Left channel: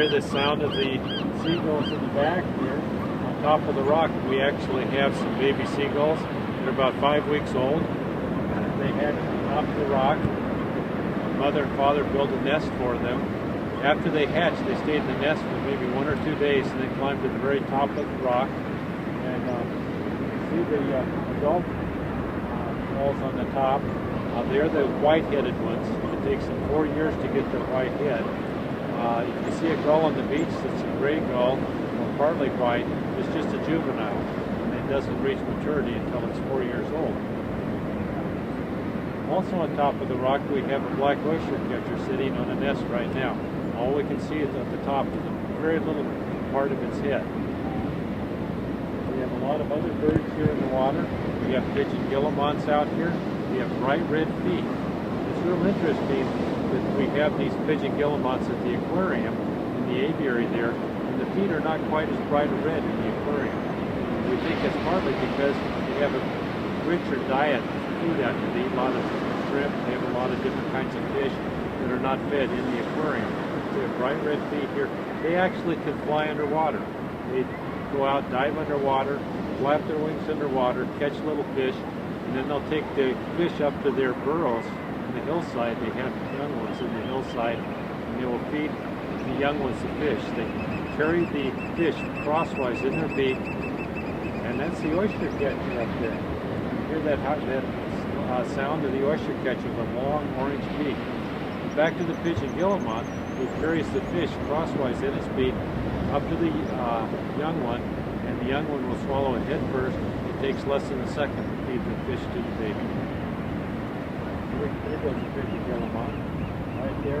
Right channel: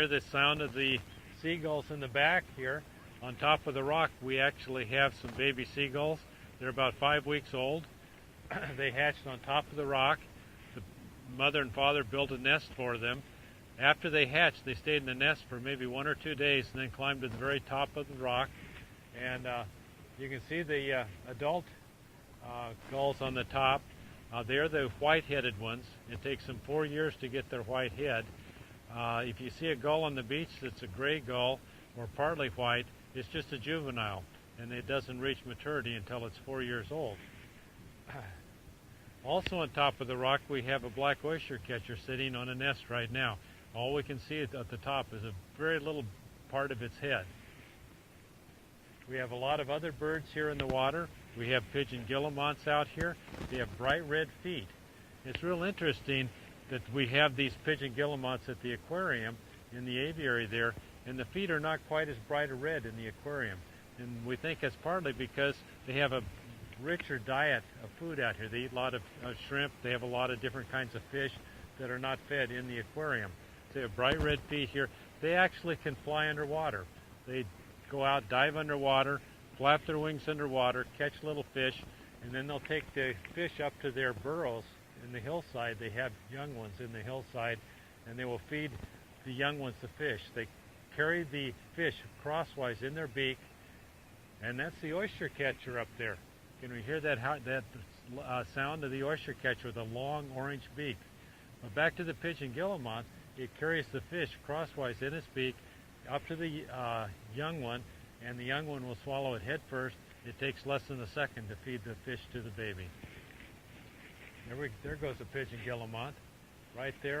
hear the sound of the seagulls in the back here. On top of the rock, we actually have some baby seagulls. They're about 5 weeks old. They hatch on top of the rock. Mother and father build a nest for them. After they hatch, they stay in the nest for maybe 1 or 2 days and then climb to the very top of the rock. And you can see the adult gulls on the top. They're the white-headed ones. It takes them 4 years to get their white head. If you see a gull on the beach that's a gray gull or partly white, it's just a juvenile. And it doesn't reach maturity until it's 4 years old. Also on top of the rock, we have a black oyster catcher sitting on a nest right now. All we can see is at the top of the very little part of its head. We have a lot of other birds here in the water. We have pigeon guillemots out here. We have bright red feet. It's real interesting that we have these pigeon guillemots at the aquarium in the aviary there, and the feet are not quite as bright red in the aquarium. We think it's partly because they have a richer diet of food after they eat a lot of shrimp. They have a lot of different kinds of fish that are not fed in the aquarium. We have bright red feet here. They actually can fly underwater. They go out, dive underwater, flap their wings underwater, catch little fish, and then they'll take the fish up to their burrows on the hillside. They have young ones in the hillside, and they will feed the young ones the fish. They carry the fish crosswise in their beak, and that's the oyster catcher up there. You hear that sound of the oyster catcher with a long orange beak. Back to the pigeon guillemot, he carries the fish crosswise in his beak up to the young one, and the young one will swallow it head first. It takes less than a second to feed the fish to the baby. There goes the pigeon guillemot, right there.